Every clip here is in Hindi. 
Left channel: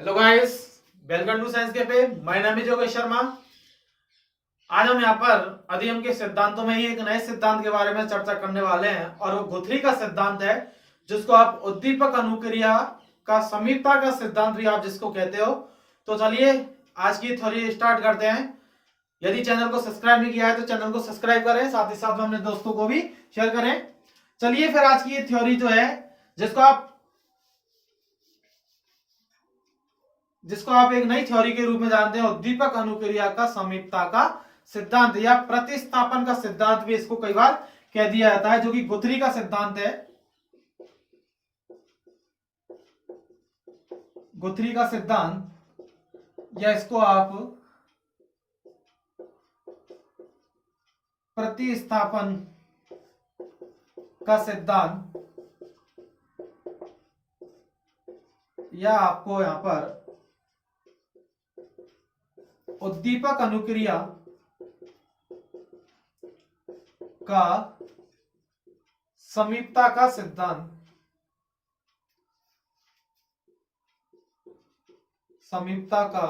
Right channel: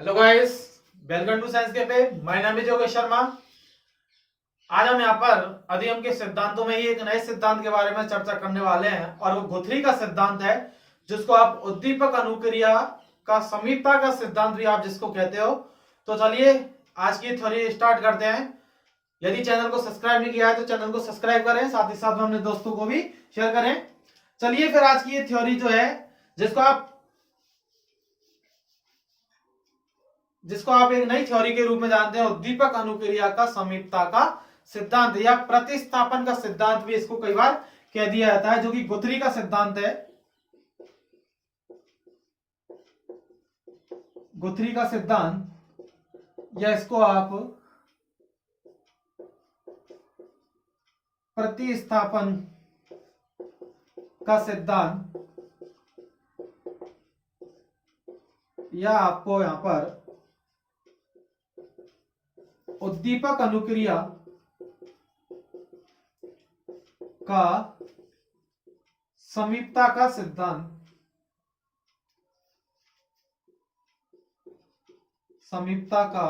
Hello guys, welcome to science cafe. My नाम है योगेश शर्मा। आज हम यहाँ पर अधिगम के सिद्धांतों में ही एक नए सिद्धांत के बारे में चर्चा करने वाले हैं और वो गुथरी का सिद्धांत है, जिसको आप उद्दीपक अनुक्रिया का समीपता का सिद्धांत भी आप जिसको कहते हो। तो चलिए आज की थ्योरी स्टार्ट करते हैं। यदि चैनल को सब्सक्राइब नहीं किया है तो चैनल को सब्सक्राइब करें, साथ ही साथ में अपने दोस्तों को भी शेयर करें। चलिए फिर आज की ये थ्योरी जो है जिसको आप एक नई थ्योरी के रूप में जानते हैं, उद्दीपक अनुक्रिया का समीपता का सिद्धांत या प्रतिस्थापन का सिद्धांत भी इसको कई बार कह दिया जाता है, जो कि गुथरी का सिद्धांत है। गुथरी का सिद्धांत या इसको आप प्रतिस्थापन का सिद्धांत या आपको यहां पर उद्दीपक अनुक्रिया का समीपता का सिद्धांत, समीपता का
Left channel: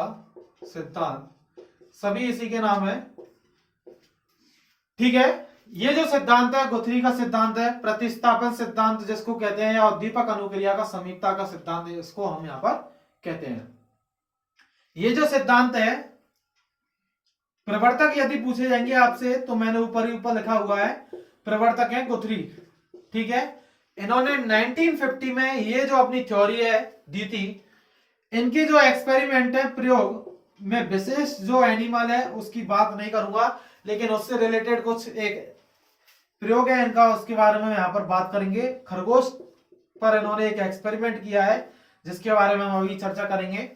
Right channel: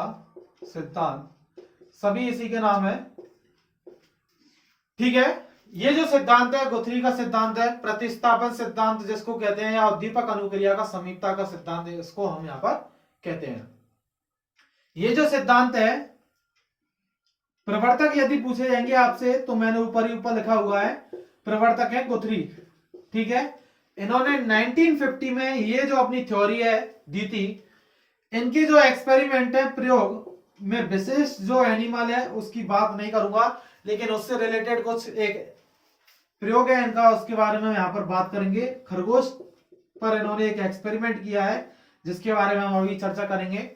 सिद्धांत सभी इसी के नाम है। ठीक है, ये जो सिद्धांत है गुथरी का सिद्धांत है, प्रतिस्थापन सिद्धांत जिसको कहते हैं, या उद्दीपक अनुक्रिया का समीपता का सिद्धांत इसको हम यहां पर कहते हैं। ये जो सिद्धांत है, प्रवर्तक यदि पूछे जाएंगे आपसे तो मैंने ऊपर ही ऊपर लिखा हुआ है, प्रवर्तक है गुथरी। ठीक है, इन्होंने 1950 में ये जो अपनी थ्योरी है दी थी। इनकी जो एक्सपेरिमेंट है, प्रयोग में विशेष जो एनिमल है उसकी बात नहीं करूंगा, लेकिन उससे रिलेटेड कुछ एक प्रयोग है इनका, उसके बारे में यहां पर बात करेंगे। खरगोश पर इन्होंने एक एक्सपेरिमेंट किया है जिसके बारे में हम अभी चर्चा करेंगे।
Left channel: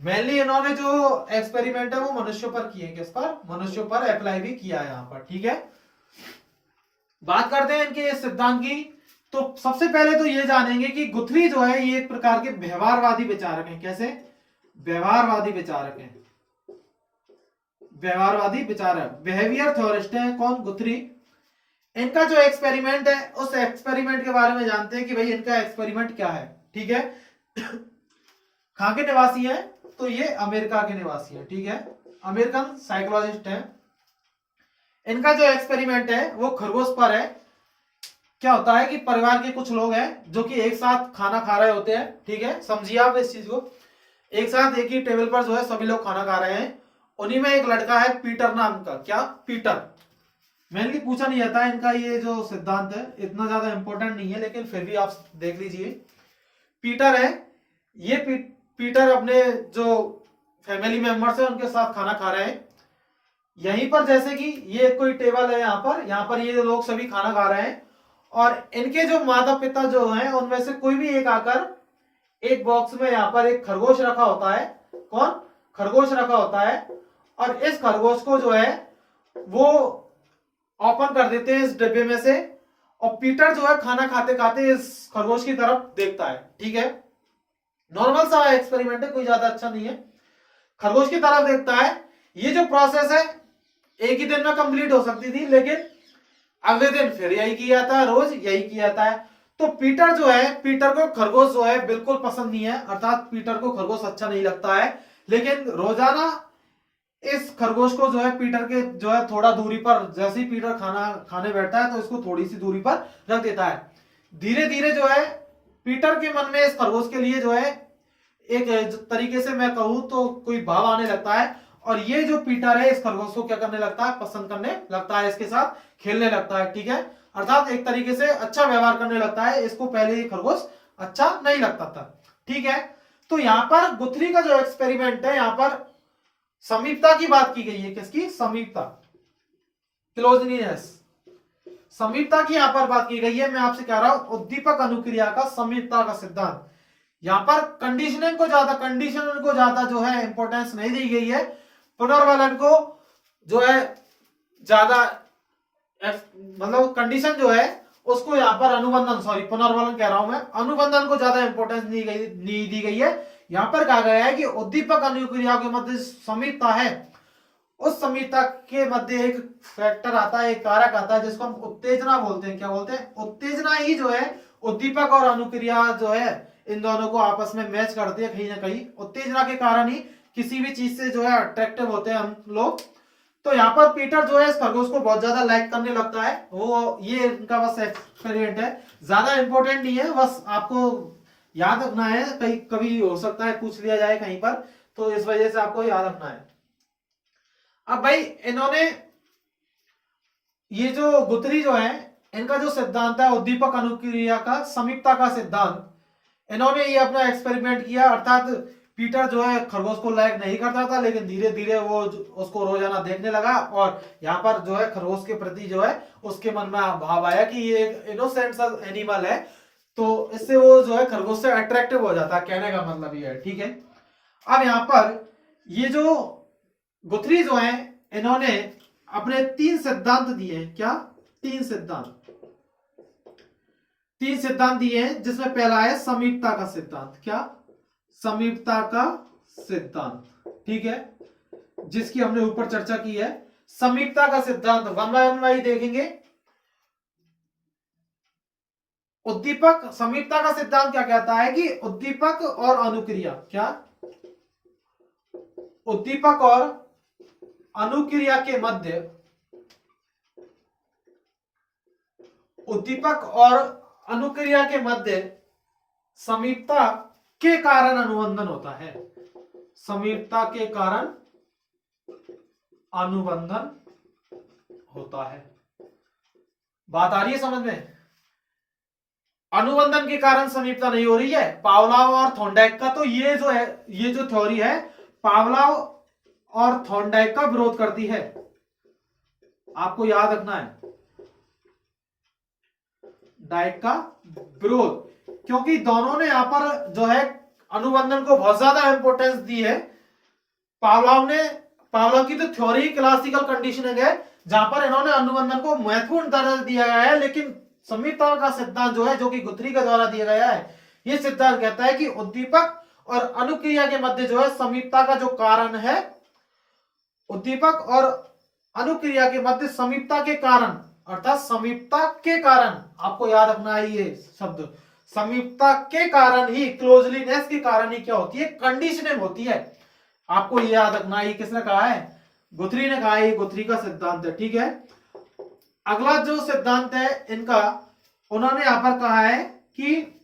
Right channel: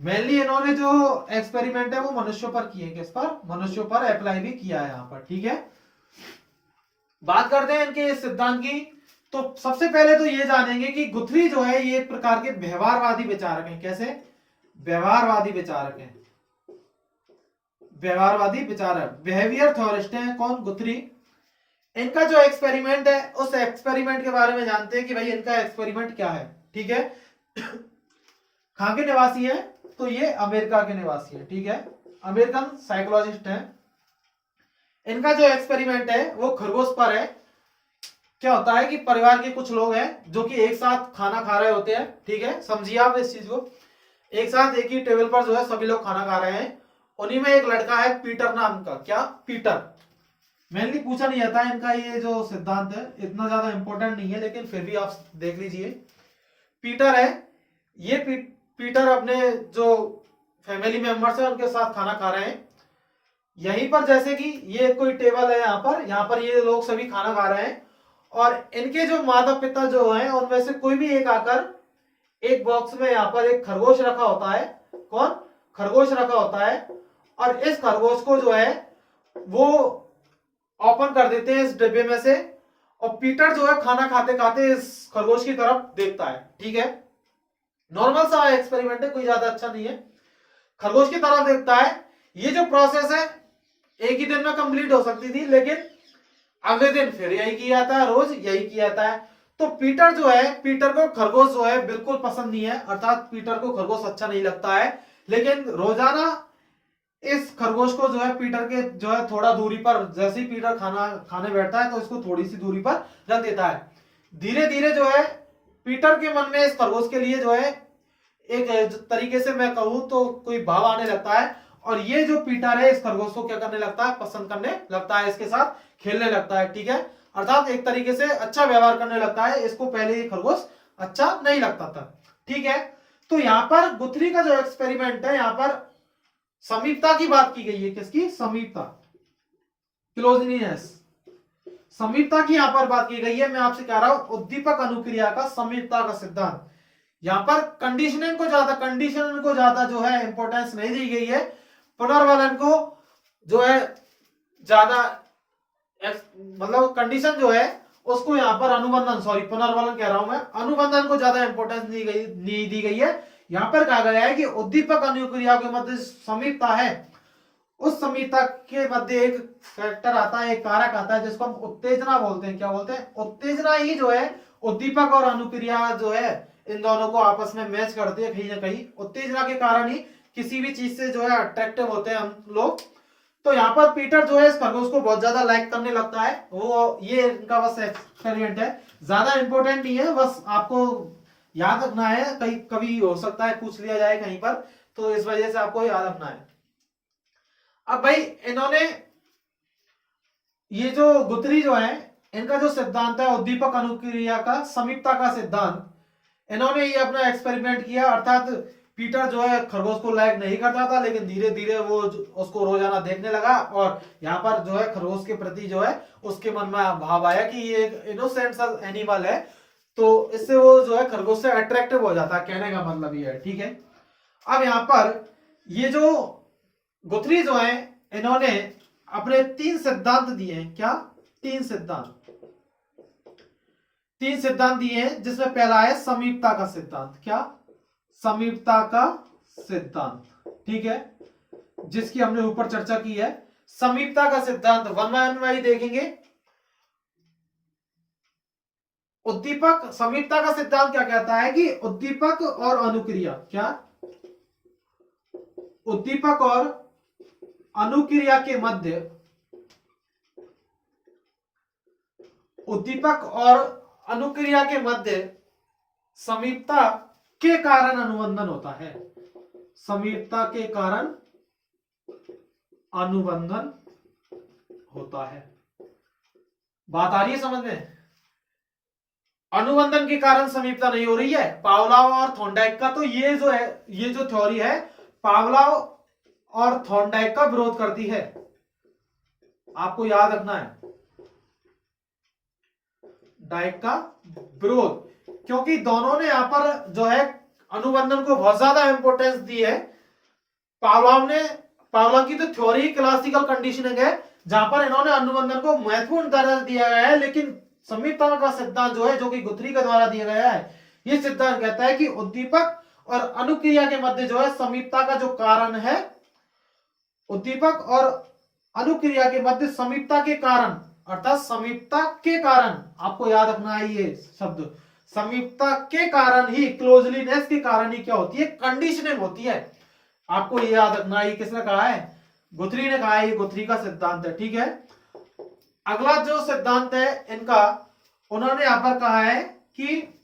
मेनली इन्होंने जो एक्सपेरिमेंट है वो मनुष्यों पर किए, किस पर? मनुष्यों पर अप्लाई भी किया है यहाँ पर। ठीक है, बात करते हैं इनके इस सिद्धांत की। तो सबसे पहले तो ये जानेंगे कि गुथरी जो है ये एक प्रकार के व्यवहारवादी विचारक हैं। कैसे? व्यवहारवादी विचारक हैं, व्यवहारवादी विचारक, बिहेवियर थ्योरिस्ट हैं। कौन? गुथरी। इनका जो एक्सपेरिमेंट है उस एक्सपेरिमेंट के बारे में जानते हैं कि भाई इनका एक्सपेरिमेंट क्या है। ठीक है, कहां के निवासी है? तो ये अमेरिका के निवासी है। ठीक है, अमेरिकन साइकोलॉजिस्ट है। इनका जो एक्सपेरिमेंट है वो खरगोश पर है। क्या होता है कि परिवार के कुछ लोग हैं जो कि एक साथ खाना खा रहे होते हैं। ठीक है, समझिए आप इस चीज को। एक साथ एक ही टेबल पर जो है सभी लोग खाना खा रहे हैं। उन्हीं में एक लड़का है पीटर नाम का। क्या? पीटर। मेनली पूछा नहीं जाता है इनका ये जो सिद्धांत है, इतना ज्यादा इंपॉर्टेंट नहीं है, लेकिन फिर भी आप देख लीजिए। पीटर है, ये पीटर अपने जो फैमिली मेंबर्स है उनके साथ खाना खा रहे हैं। यहीं पर जैसे कि ये कोई टेबल है, यहाँ पर ये लोग सभी खाना खा रहे हैं और इनके जो माता पिता जो हैं उनमें से कोई भी एक आकर एक बॉक्स में यहाँ पर एक खरगोश रखा होता है। कौन? खरगोश रखा होता है। और इस खरगोश को जो है वो ओपन कर देते हैं इस डिब्बे में से, और पीटर जो है खाना खाते खाते इस खरगोश की तरफ देखता है। ठीक है, नॉर्मल सा एक्सपेरिमेंट है, कोई ज्यादा अच्छा नहीं है। खरगोश की तरफ देखता है। ये जो प्रोसेस है एक ही दिन में कंप्लीट हो सकती थी, लेकिन अगले दिन फिर यही किया जाता है, रोज यही किया जाता है। तो पीटर जो है, पीटर को खरगोश जो है बिल्कुल पसंद नहीं है, अर्थात पीटर को खरगोश अच्छा नहीं लगता है। लेकिन रोजाना इस खरगोश को जो है पीटर के जो है थोड़ा दूरी पर, जैसे ही पीटर खाना खाने बैठता है तो इसको थोड़ी सी दूरी पर रख देता है। धीरे धीरे जो है पीटर के मन में इस खरगोश के लिए जो है एक तरीके से मैं कहूं तो कोई भाव आने लगता है, और ये जो पीटर है इस खरगोश को क्या करने लगता है? पसंद करने लगता है, इसके साथ खेलने लगता है। ठीक है, अर्थात एक तरीके से अच्छा व्यवहार करने लगता है। इसको पहले ये खरगोश अच्छा नहीं लगता था। ठीक है, तो यहां पर गुथरी का जो एक्सपेरिमेंट है, यहां पर समीपता की बात की गई है। किसकी? समीपता, क्लोजलीनेस, समीपता की यहां पर बात की गई है। मैं आपसे कह रहा हूं उद्दीपक अनुक्रिया का समीपता का सिद्धांत। यहां पर कंडीशनिंग को ज्यादा जो है इंपॉर्टेंस नहीं दी गई है। पुनर्वलन को जो है ज्यादा, मतलब कंडीशन जो है उसको यहां पर अनुबंधन, सॉरी पुनर्वलन कह रहा हूं मैं, अनुबंधन को ज्यादा इंपॉर्टेंस नहीं दी गई है। यहां पर कहा गया है कि उद्दीपक अनुक्रिया के मध्य समीपता है, उस समीपता के मध्य एक फैक्टर आता है, एक कारक आता है जिसको हम उत्तेजना बोलते हैं। क्या बोलते हैं? उत्तेजना ही जो है उद्दीपक और अनुक्रिया जो है इन दोनों को आपस में मैच करती है कहीं ना कहीं। उत्तेजना के कारण ही किसी भी चीज से जो है अट्रैक्टिव होते हैं हम लोग। तो यहाँ पर पीटर जो है इस खरगोश को बहुत ज्यादा लाइक करने लगता है। वो ये इनका बस एक्सपेरिमेंट है, ज्यादा इंपॉर्टेंट नहीं है, बस आपको याद रखना है, कहीं कभी हो सकता है पूछ लिया जाए कहीं पर, तो इस वजह से आपको याद रखना है। अब भाई इन्होंने ये जो गुथरी जो है, इनका जो सिद्धांत है उद्दीपक अनुक्रिया का समीपता का सिद्धांत, इन्होंने ये अपना एक्सपेरिमेंट किया। अर्थात पीटर जो है खरगोश को लाइक नहीं करता था, लेकिन धीरे धीरे वो उसको रोजाना देखने लगा और यहाँ पर जो है खरगोश के प्रति जो है उसके मन में भाव आया कि ये एक इनोसेंट सा एनिमल है, तो इससे वो जो है खरगोश से अट्रैक्टिव हो जाता है, कहने का मतलब ये है। ठीक है, अब यहाँ पर ये जो गुथरी जो है इन्होंने अपने 3 सिद्धांत दिए हैं। क्या? 3 सिद्धांत दिए हैं, जिसमें पहला है समीपता का सिद्धांत। क्या? समीपता का सिद्धांत। ठीक है, जिसकी हमने ऊपर चर्चा की है। समीपता का सिद्धांत वन बाय वन देखेंगे। उद्दीपक, समीपता का सिद्धांत क्या कहता है कि उद्दीपक और अनुक्रिया, क्या? उद्दीपक और अनुक्रिया के मध्य, उद्दीपक और अनुक्रिया के मध्य समीपता के कारण अनुबंधन होता है। समीपता के कारण अनुबंधन होता है। बात आ रही है समझ में? अनुबंधन के कारण समीपता नहीं हो रही है। पावलोव और थॉर्नडाइक का तो ये जो है, ये जो थ्योरी है पावलोव और थॉर्नडाइक का विरोध करती है, आपको याद रखना है, डाइक का विरोध, क्योंकि दोनों ने यहां पर जो है अनुबंधन को बहुत ज्यादा इंपॉर्टेंस दी है। पावलोव की तो थ्योरी क्लासिकल कंडीशनिंग है, जहां पर इन्होंने अनुबंधन को महत्वपूर्ण दर्जा दिया गया है, लेकिन समीपता का सिद्धांत जो है, जो कि गुथरी के द्वारा दिया गया है, ये सिद्धांत कहता है कि उद्दीपक और अनुक्रिया के मध्य जो है समीपता का जो कारण है, उद्दीपक और अनुक्रिया के मध्य समीपता के कारण, अर्थात समीपता के कारण, आपको याद रखना है ये शब्द, समीपता के कारण ही, क्लोजलीनेस के कारण ही क्या होती है? कंडीशनिंग होती है। आपको ये याद रखना है। किसने कहा है? गुथरी ने कहा है, ये गुथरी का सिद्धांत है। ठीक है, अगला जो सिद्धांत है इनका, उन्होंने यहां पर कहा है कि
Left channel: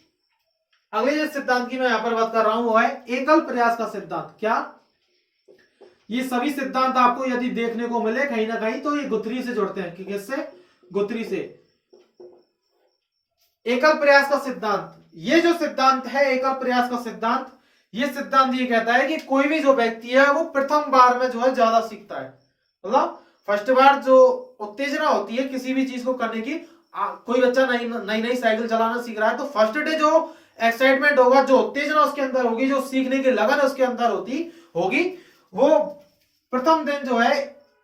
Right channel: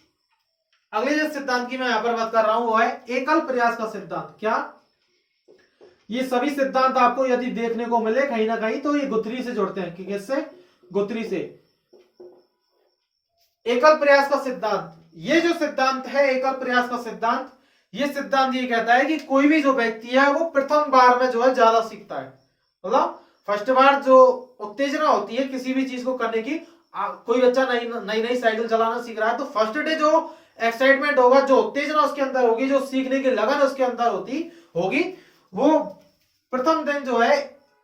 अगले जो सिद्धांत की मैं यहां पर बात कर रहा हूं वो है एकल प्रयास का सिद्धांत। क्या? ये सभी सिद्धांत आपको यदि देखने को मिले कहीं ना कहीं तो ये गुथरी से जुड़ते हैं। कि किससे? गुथरी से। एकल प्रयास का सिद्धांत, ये जो सिद्धांत है एकल प्रयास का सिद्धांत, ये सिद्धांत ये कहता है कि कोई भी जो व्यक्ति है वो प्रथम बार में जो है ज्यादा सीखता है। मतलब फर्स्ट बार जो उत्तेजना होती है किसी भी चीज को करने की, कोई बच्चा नई नई साइकिल चलाना सीख रहा है तो फर्स्ट डे जो एक्साइटमेंट होगा, जो उत्तेजना उसके अंदर होगी, जो सीखने की लगन उसके अंदर होगी, वो प्रथम दिन जो है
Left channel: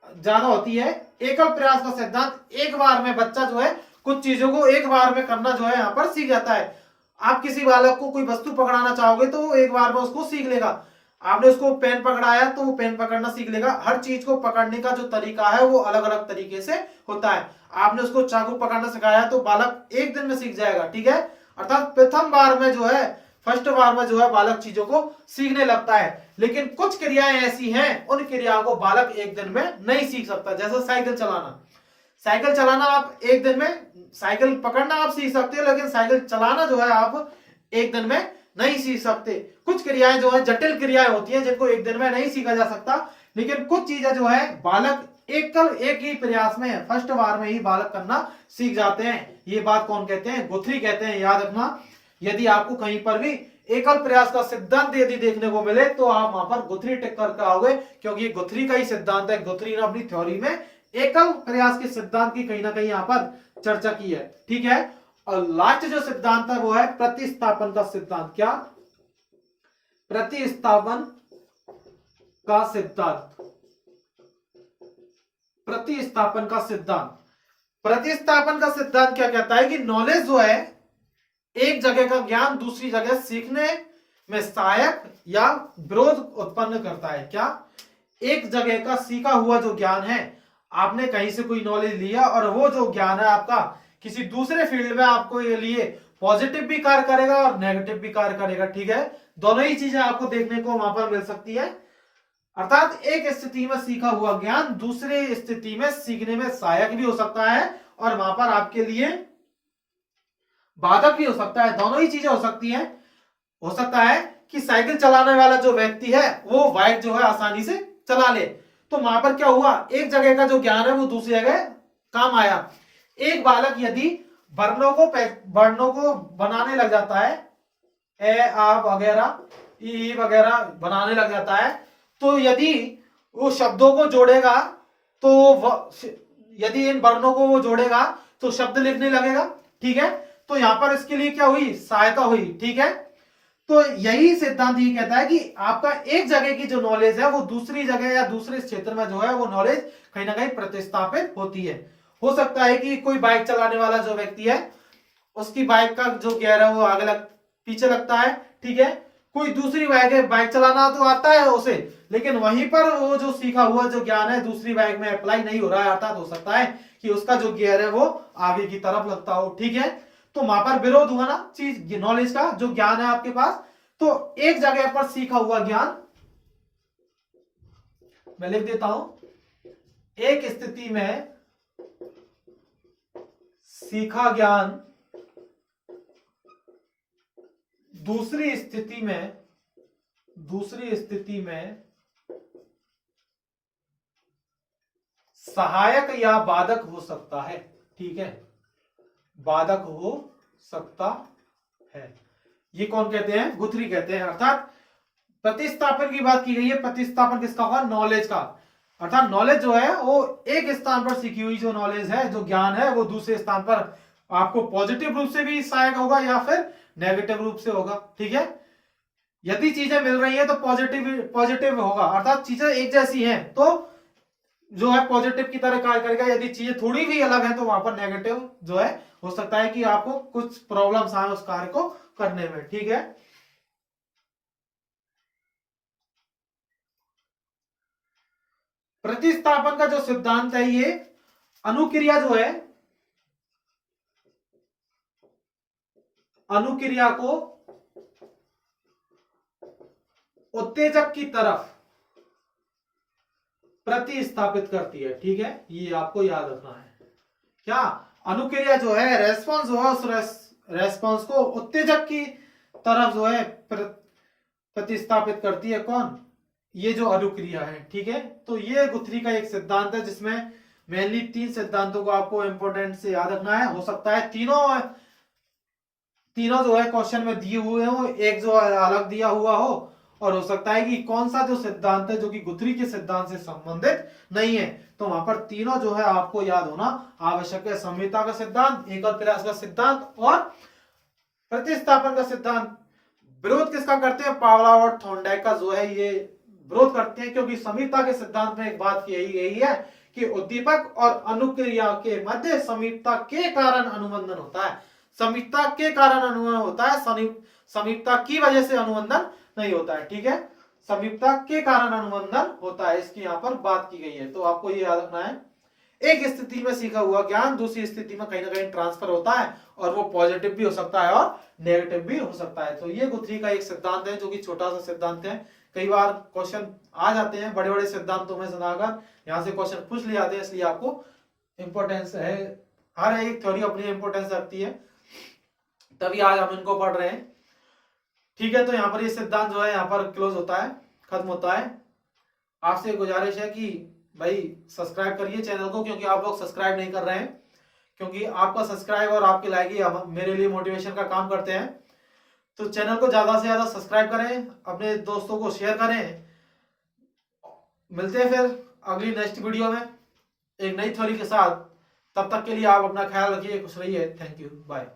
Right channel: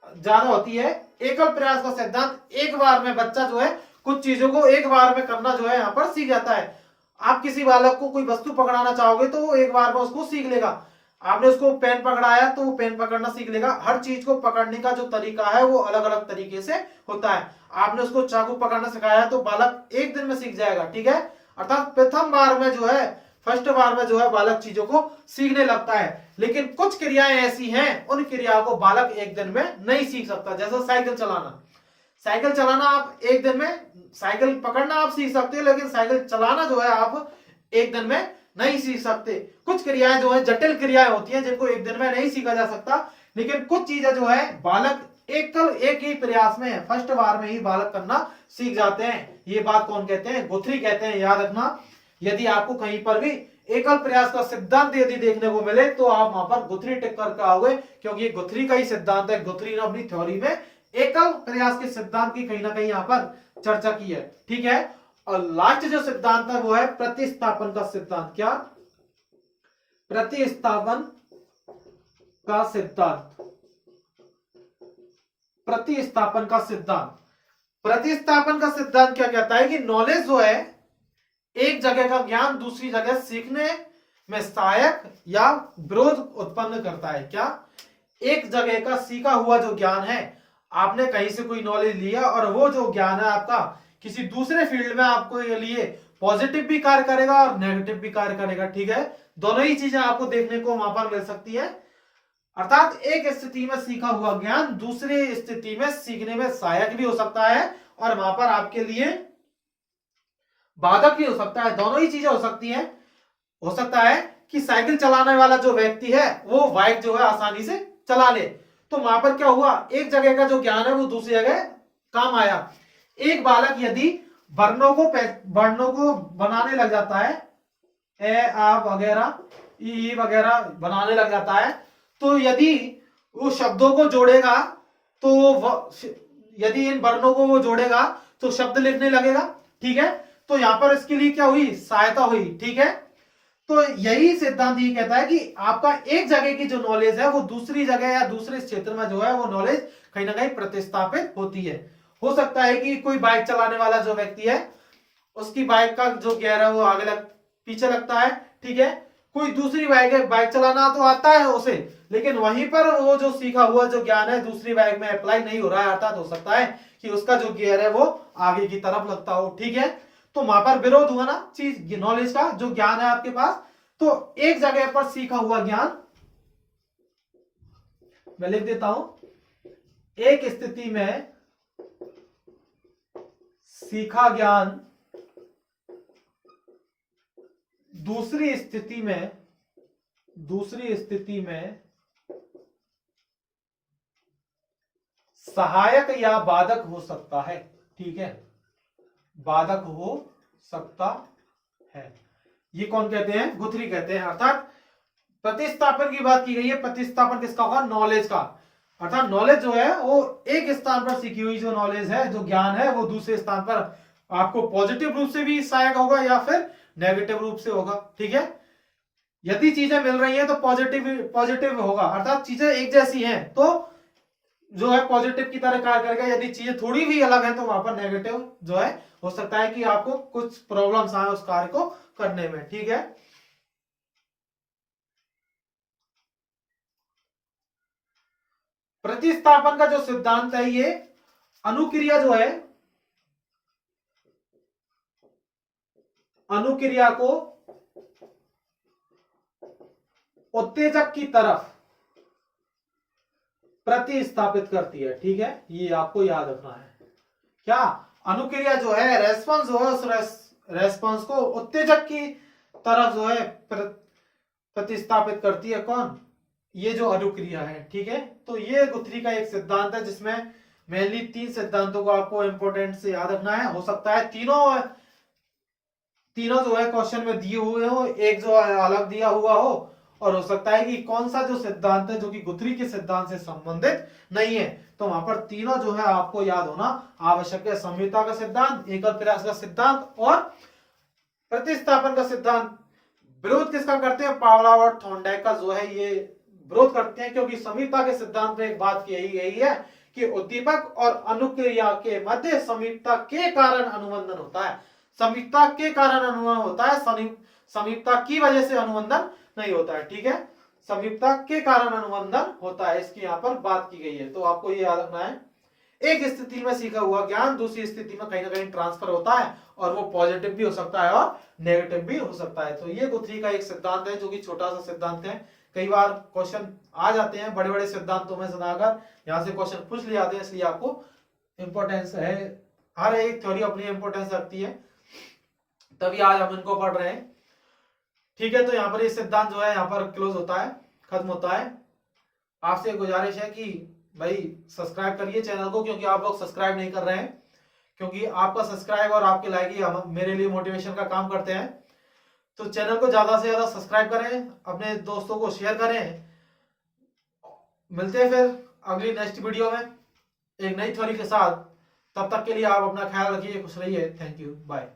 ज्यादा होती है। एकल प्रयास का सिद्धांत, एक बार में बच्चा जो है कुछ चीजों को एक बार में करना जो है यहाँ पर सीख जाता है। आप किसी बालक को कोई वस्तु पकड़ाना चाहोगे तो वो एक बार में उसको सीख लेगा। आपने उसको पेन पकड़ाया तो वो पेन पकड़ना सीख लेगा। हर चीज को पकड़ने का जो तरीका है वो अलग अलग तरीके से होता है। आपने उसको चाकू पकड़ना सिखाया तो बालक एक दिन में सीख जाएगा। ठीक है, अर्थात प्रथम बार में जो है, फर्स्ट बार में जो है बालक चीजों को सीखने लगता है। लेकिन कुछ क्रियाएं ऐसी हैं, उन क्रियाओं को बालक एक दिन में नहीं सीख सकता। जैसे साइकिल चलाना, साइकिल चलाना आप एक दिन में, साइकिल पकड़ना आप सीख सकते हैं, लेकिन साइकिल चलाना जो है आप एक दिन में नहीं सीख सकते। कुछ क्रियाएं जो है जटिल क्रियाएं होती हैं जिनको एक दिन में नहीं सीखा जा सकता, लेकिन कुछ चीजें जो है बालक एक ही प्रयास में, फर्स्ट बार में ही बालक करना सीख जाते हैं। ये बात कौन कहते हैं? गुथरी कहते हैं। याद रखना, यदि आपको कहीं पर भी एकल प्रयास का सिद्धांत यदि देखने को मिले तो आप वहां पर गुथरी टिक करके आओगे, क्योंकि ये गुथरी का ही सिद्धांत है। गुथरी ने अपनी थ्योरी में एकल प्रयास के सिद्धांत की कहीं ना कहीं यहां पर चर्चा की है। ठीक है, और लास्ट जो सिद्धांत है वो है प्रतिस्थापन का सिद्धांत। क्या? प्रतिस्थापन का सिद्धांत। प्रतिस्थापन का सिद्धांत, प्रतिस्थापन का सिद्धांत क्या कहता है कि नॉलेज जो है, एक जगह का ज्ञान दूसरी जगह सीखने में सहायक या विरोध उत्पन्न करता है। क्या? एक जगह का सीखा हुआ जो ज्ञान है, आपने कहीं से कोई नॉलेज लिया और वो जो ज्ञान है आपका किसी दूसरे फील्ड में आपको ये लिए पॉजिटिव भी कार्य करेगा और नेगेटिव भी कार्य करेगा, ठीक है। दोनों ही चीजें आपको देखने को वहां पर मिल सकती है। अर्थात एक स्थिति में सीखा हुआ ज्ञान दूसरी स्थिति में सीखने में सहायक भी हो सकता है और वहां पर आपके लिए बाधक भी हो सकता है। दोनों ही चीजें हो सकती हैं। हो सकता है कि साइकिल चलाने वाला जो व्यक्ति है वो बाइक जो है आसानी से चला ले, तो वहां पर क्या हुआ, एक जगह का जो ज्ञान है वो दूसरी जगह काम आया। एक बालक यदि वर्णों को बनाने लग जाता है, ए आ वगैरह ई वगैरह बनाने लग जाता है, तो यदि वो शब्दों को जोड़ेगा तो यदि इन वर्णों को वो जोड़ेगा तो शब्द लिखने लगेगा, ठीक है। तो यहां पर इसके लिए क्या हुई, सहायता हुई, ठीक है। तो यही सिद्धांत ये कहता है कि आपका एक जगह की जो नॉलेज है वो दूसरी जगह या दूसरे क्षेत्र में जो है वो नॉलेज कहीं ना कहीं प्रतिस्थापित होती है। हो सकता है कि कोई बाइक चलाने वाला जो व्यक्ति है उसकी बाइक का जो गियर है वो आगे पीछे लगता है, ठीक है। कोई दूसरी बाइक है, बाइक चलाना तो आता है उसे, लेकिन वहीं पर वो जो सीखा हुआ जो ज्ञान है दूसरी बाइक में अप्लाई नहीं हो रहा है। अर्थात हो सकता है कि उसका जो गियर है वो आगे की तरफ लगता हो, ठीक है। तो वहां पर विरोध हुआ ना चीज, नॉलेज का जो ज्ञान है आपके पास। तो एक जगह पर सीखा हुआ ज्ञान, मैं लिख देता हूं, एक स्थिति में सीखा ज्ञान दूसरी स्थिति में सहायक या बाधक हो सकता है, ठीक है, बाधक हो सकता है। ये कौन कहते हैं, गुथरी कहते हैं। अर्थात प्रतिस्थापन की बात की गई है। प्रतिस्थापन किसका होगा, नॉलेज का। अर्थात नॉलेज जो है वो एक स्थान पर सीखी हुई जो नॉलेज है, जो ज्ञान है, वो दूसरे स्थान पर आपको पॉजिटिव रूप से भी सहायक होगा या फिर नेगेटिव रूप से होगा, ठीक है। यदि चीजें मिल रही हैं तो पॉजिटिव होगा, अर्थात चीजें एक जैसी हैं तो जो है पॉजिटिव की तरह कार्य करेगा। यदि चीजें थोड़ी भी अलग है तो वहां पर नेगेटिव जो है हो सकता है कि आपको कुछ प्रॉब्लम्स आए उस कार्य को करने में, ठीक है। प्रतिस्थापन का जो सिद्धांत है ये अनुक्रिया जो है, अनुक्रिया को उत्तेजक की तरफ प्रतिस्थापित करती है, ठीक है। ये आपको याद रखना है। क्या अनुक्रिया जो है, रेस्पॉन्स जो है, उस रेस्पॉन्स को उत्तेजक की तरफ जो है प्रतिस्थापित करती है। कौन, ये जो अनुक्रिया है, ठीक है। तो ये गुथरी का एक सिद्धांत है जिसमें मेनली 3 सिद्धांतों को आपको इंपोर्टेंट से याद रखना है। हो सकता है तीनों जो है क्वेश्चन में दिए हुए हो, एक जो अलग दिया हुआ हो, और हो सकता है कि कौन सा जो सिद्धांत है जो कि गुथरी के सिद्धांत से संबंधित नहीं है। तो वहां पर तीनों जो है आपको याद होना आवश्यक है। संहिता का सिद्धांत, एकल प्रयास का सिद्धांत और प्रतिस्थापन का सिद्धांत। विरोध किसका करते हैं, पावलोव और थॉर्नडाइक का जो है ये विरोध करते हैं, क्योंकि समीपता के सिद्धांत में एक बात कही गई है कि उद्दीपक और अनुक्रिया के मध्य समीपता के कारण अनुबंधन होता है। समीपता के कारण अनुबंधन होता है, समीपता की वजह से अनुबंधन नहीं होता है, ठीक है। समीपता के कारण अनुबंधन होता है, इसकी यहां पर बात की गई है। तो आपको ये याद रखना है, एक स्थिति में सीखा हुआ ज्ञान दूसरी स्थिति में कहीं ना कहीं ट्रांसफर होता है और वो पॉजिटिव भी हो सकता है और नेगेटिव भी हो सकता है। तो ये गुथरी का एक सिद्धांत है जो कि छोटा सा सिद्धांत है। कई बार क्वेश्चन आ जाते हैं बड़े बड़े सिद्धांतों में सुनाकर, यहाँ से क्वेश्चन पूछ लिए जाते हैं, इसलिए आपको इंपॉर्टेंस है, हर एक थ्योरी अपनी इंपॉर्टेंस रखती है, तभी आज हम इनको पढ़ रहे हैं, ठीक है। तो यहाँ पर ये सिद्धांत जो है यहाँ पर क्लोज होता है, खत्म होता है। आपसे गुजारिश है कि भाई सब्सक्राइब करिए चैनल को, क्योंकि आप लोग सब्सक्राइब नहीं कर रहे हैं, क्योंकि आपका सब्सक्राइब और आपके लाइक ही मेरे लिए मोटिवेशन का काम करते हैं। तो चैनल को ज्यादा से ज्यादा सब्सक्राइब करें, अपने दोस्तों को शेयर करें। मिलते हैं फिर अगली नेक्स्ट वीडियो में एक नई थ्योरी के साथ। तब तक के लिए आप अपना ख्याल रखिए, खुश रहिए। Thank you, bye.